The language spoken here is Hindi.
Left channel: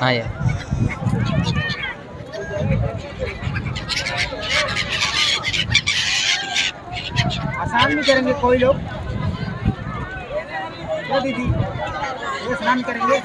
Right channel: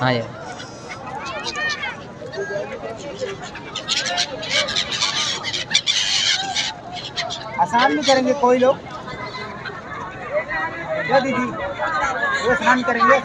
हाँ यार आसान नहीं करेंगे कोई लोग क्या दीदी वो स्नान करेंगे